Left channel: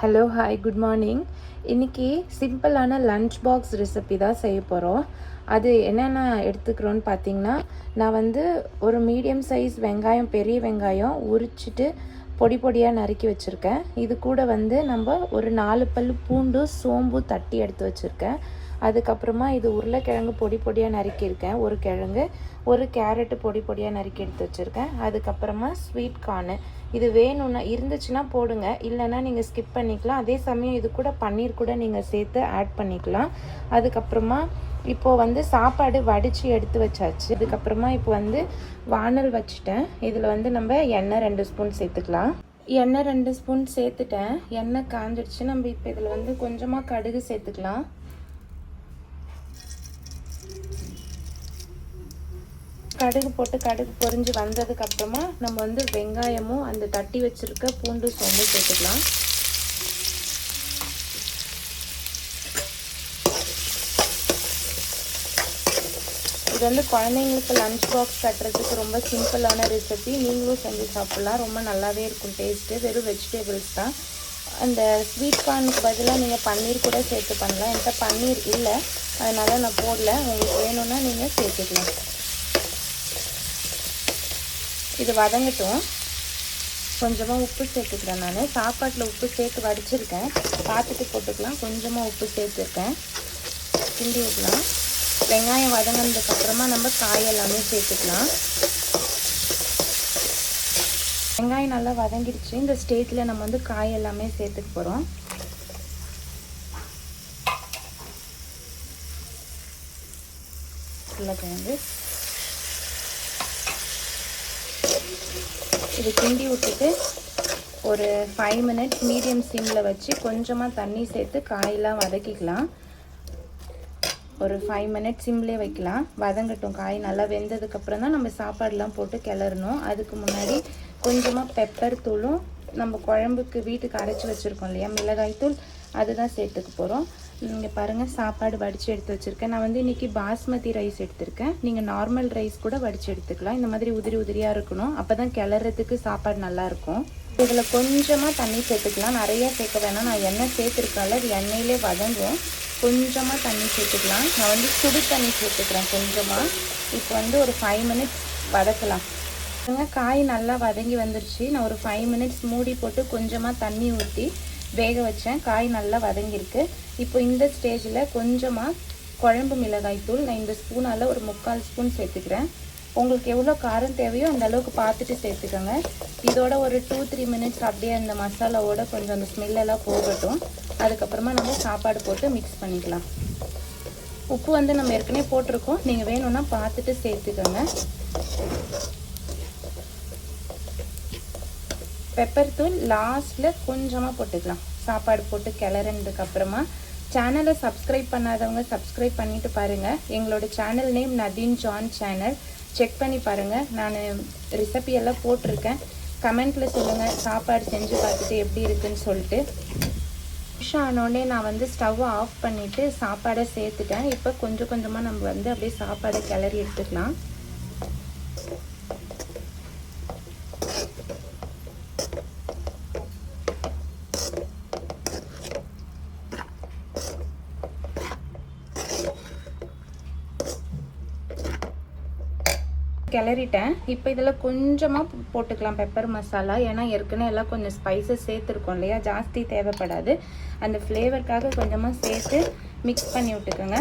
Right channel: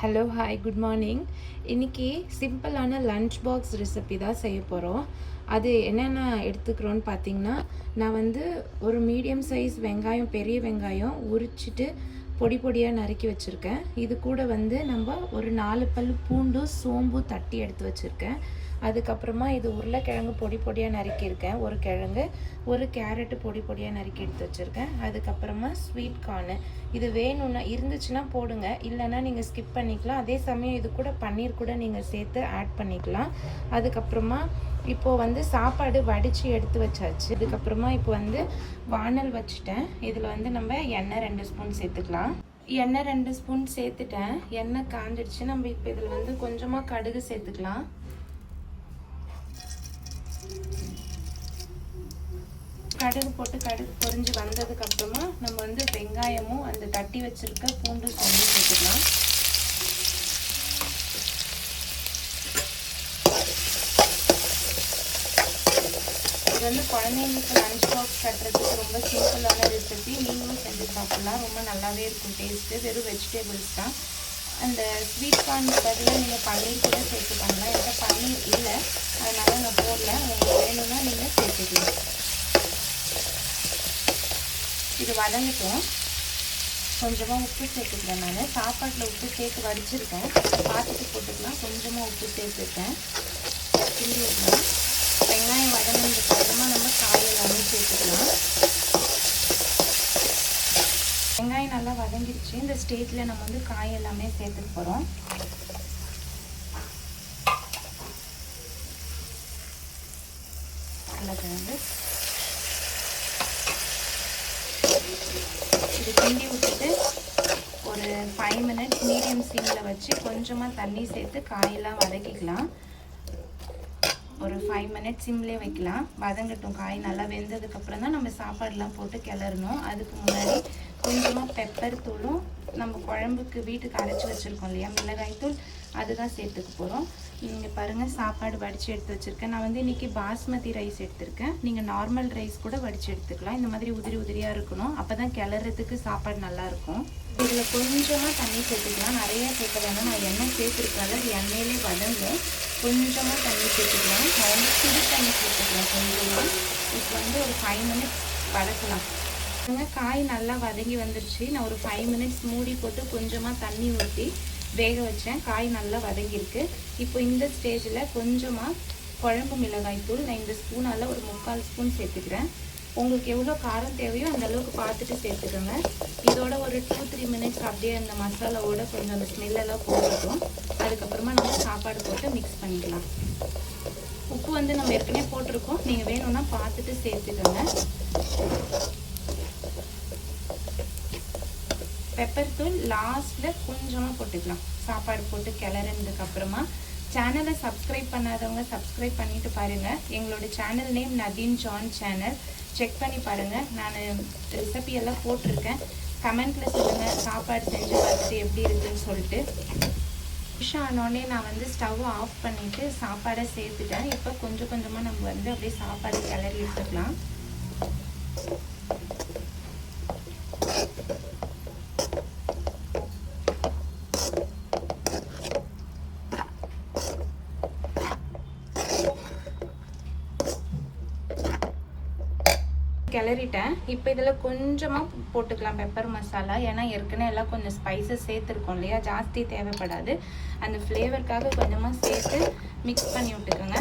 Hello hi good morning. இன்றைக்கி சிம்பிளான lunch box recipe தான் செய்ய போகிறோம். அது என்னென்ன எடுத்துக்கிறோன்னு பார்த்தீங்கன்னா, நான் வந்து ஒரு மீடியம் சைஸ் வெங்காயம், பெரிய வெங்காயம் உரிச்சிட்டு பொடி பொடியாக நறுக்கி வச்சுருக்கேன். இது கூட வந்து நம்ம ஒரு 4 பல் பூண்டு, சோம்பு தட்டி எடுத்து வச்சுருக்கேன். அதுக்கப்புறமா இது உருளைக்கிழங்கு பொடி பொடியாக நறுக்கியிருக்கேன், ஒரு கிழங்கு, ஒரு கேரட்டு பொடி பொடியாக நறுக்கி எடுத்து வச்சுருக்கேன். அதுக்கப்புறமா ஸ்வீட் கார்னு, இது வேணும்னா இருந்துச்சுன்னா போடுங்க, இல்லைன்னா நீங்கள் ஸ்கிப் பண்ணிக்கலாம். அதே சமயம் இது கூட பன்னீர் கூட நீங்கள் சேர்த்து ஆட் பண்ணிக்கலாம். அதுக்கப்புறமா இப்போது வந்து சாப்பாடு வடித்து எடுத்து வச்சாச்சு. அதுக்கப்புறமா இப்போ வந்து வானல் வச்சுட்டேன். இதில் வந்து நம்ம எண்ணெய் 2 ஸ்பூன் சேர்த்துக்கலாம். எண்ணெய் 2 ஸ்பூன் சேர்த்துட்டேன். எண்ணெய் காஞ்சிடுச்சு. நம்ம இப்போ இதில் வந்து கொஞ்சமாக கடுகு சேர்த்துக்கலாம். கடுகு போட்டு கடுகு பொரிஞ்சு வந்ததுக்கப்புறமா நம்ம வந்து வெங்காயமும் அந்த தட்டி வச்சுருக்க பூண்டு, சோம்பு சேர்த்துக்கலாம். இது வந்து குழந்தைங்களுக்கு லன்ச் பாக்ஸ் கட்டுறதுக்கு ரொம்ப சிம்பிளான ரெசிபி. நீங்களும் செஞ்சு சாப்பிட்லாம். ரொம்ப நல்லாவே இருக்கும் டேஸ்ட்டு. வெறும் வெஜிடபிள்ஸ் தான். அந்த ஸ்வீட் கார்னுக்கு பதிலாக நீங்கள் பன்னீர் கூட சேர்த்து பண்ணலாம். என்கிட்ட பன்னீர் இல்லை, அதனால் நான் போடல. உங்களுக்கு வேணும்னா நீங்கள் சேர்த்துக்கலாம். இது வதங்கட்டும். கொஞ்சமாக உப்பு சேர்த்துக்கிறேன். நான் சாப்பாட்டில் உப்பு சேர்த்து வடிச்சிருக்கேன், பார்த்துட்டு போட்டுக்கலாம். கொஞ்சமாக உப்பு சேர்த்துருக்கேன். கிண்டி விடலாம். வெங்காயம் வதங்கினதுக்கப்புறமா நம்ம காய் எல்லாமே சேர்த்துக்கலாம். வெங்காயம் நல்லா வதங்கிடுச்சு. இந்த ஸ்டேஜில் நம்ம வந்து காய் எல்லாமே சேர்த்துக்க போகிறோம். உருளைக்கிழங்கு இது கிண்டி விட்டுட்டு ஒரு 5 மினிட்ஸ் மீடியம் சிம்மில் வச்சு கொஞ்சமாக தண்ணி சேர்த்து காயெல்லாம் வதக்கிக்கலாம். ஒரு 5 மினிட்ஸ் சிம்லேயே வைக்கலாம். வதங்கட்டும். காய் நல்லா வெந்ததுக்கப்புறம் தான் நம்ம சாப்பாடெலாம் போட்டு கிளறணும். அதுக்கு முன்னாடி கொஞ்சமாக பெப்பர் தூளும் நம்ம குழம்புக்கு வீட்டுக்கு அரைச்சி வச்சுருக்கோம் இல்லையா, மிளகாய் தூள், அதுதான் சேர்த்துக்க போகிறோம். நீங்கள் பாருங்கள், சாப்பாடு வடித்து எடுத்து வச்சுருக்கேன். நான் வந்து இன்றைக்கி பாஸ்மதி ரைஸ் எடுத்திருக்கேன். நீங்கள் நார்மல் ரைஸ் கூட வடித்து எடுத்துக்கலாம். இந்த மாதிரி உதிரி உதிரியாக இருக்கணும். அப்போ தான் கிளறதுக்கு சாப்பாடு நல்லாயிருக்கும். இதில் கொஞ்சமாக தண்ணி சேர்த்துக்கலாம். நிறைய சேர்க்க வேணாம். நான் எண்ணெய் சேர்த்துருக்கால, அது எண்ணெயிலே வதங்கும். கொஞ்சமாக தண்ணி சேர்த்துக்கலாம். நான் வந்து சுடு தண்ணி சேர்த்துக்கிறேன் கொஞ்சமாக. இப்போ வந்து ஒரு 5 மினிட்ஸ் வதக்கலாம். காய் நல்லா வதங்கி வந்துருச்சு. நான் ஒரு 5 மினிட்ஸ் மூடி போட்டு கொஞ்சமாக தண்ணி ஊற்றி வேக வச்சேன். காய் நல்லா வதங்கியிருக்கு. இப்போ இந்த ஸ்டேஜில் கொஞ்சமாக குழம்பு மிளகாய் தூள் நான் இந்த ஸ்பூனால் ஒரு 3/4 ஸ்பூன் சேர்த்துக்கிறேன். உங்களுக்கு எவ்வளோ காரம் தேவையோ அந்த அளவுக்கு பார்த்துட்டு சேர்த்துக்கோங்க. இதோட ஒரு 2-3 மினிட்ஸ் அப்படியே அந்த மசாலாவோட கொஞ்சம் அந்த ஸ்மெல்லெல்லாம் போகட்டும். அதுக்கப்புறமா நம்ம சாப்பாடு போட்டு மிக்ஸ் பண்ணிக்கலாம். உப்பு வந்து நம்ம ஏற்கனவே போட்டிருக்கோம். நீங்கள் வேணும்னா பார்த்துட்டு சேர்த்துக்கோங்க. பெப்பர் தூள் லாஸ்ட்டில் கொஞ்சமாக போட்டுக்கலாம். சாப்பாடு போட்டு கிளறினதுக்கப்புறமா சேனலை சப்ஸ்கிரைப் பண்ணாதவங்க சப்ஸ்கிரைப் பண்ணிவிட்டு பாருங்கள். எங்களோட channel name Nadeen John channel. Check பண்ணி பாருங்கள். நான் ரெசிபியெல்லாம் போட்டிருக்கேன். கமெண்ட்டில் சொல்லுங்கள் சாப்பாடு செஞ்சு பார்த்துட்டு எப்படி இருக்குன்னு சொல்லிட்டு. ஃபிஷ் ஆனோடனே நான் வந்து ஸ்டவ்வை ஆஃப் பண்ணிவிட்டு சாப்பாடை சேர்த்துட்டேன். இப்போ கொஞ்சம் கொஞ்சமாக நம்ம வந்து அப்படியே சாப்பாடை கிளறி எடுத்துக்கலாம். கிளறிட்டேன். இப்போ இதில் கொஞ்சமாக போட்டுக்கலாம் பெப்பர் மசாலா. ஏன்னா ஏற்கனவே எல்லாம் கொஞ்சம் ஸ்பைசஸ் சேர்த்துருக்கோம் இல்லையா, ஜாஸ்தி தேவைப்படாது. அந்த ஃப்ளேவருக்காக கொஞ்சமாக சேர்த்து மிக்ஸ் பண்ணி விட்டுக்கோங்க.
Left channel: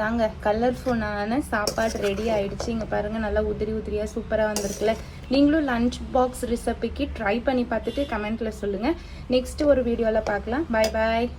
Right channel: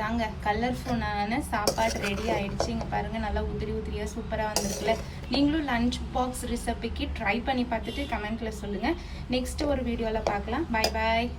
தாங்க கலர்ஃபுல்லான சாப்பாடு ரெடி ஆகிடுச்சு. இங்கே பாருங்கள், நல்லா உதிரி உதிரியாக சூப்பராக வந்திருக்குல்ல. நீங்களும் லன்ச் பாக்ஸ் ரெசிபிக்கு ட்ரை பண்ணி பார்த்துட்டு கமெண்ட்டில் சொல்லுங்கள். நெக்ஸ்ட்டு ஒரு வீடியோவில் பார்க்கலாம். பாய் பாய்.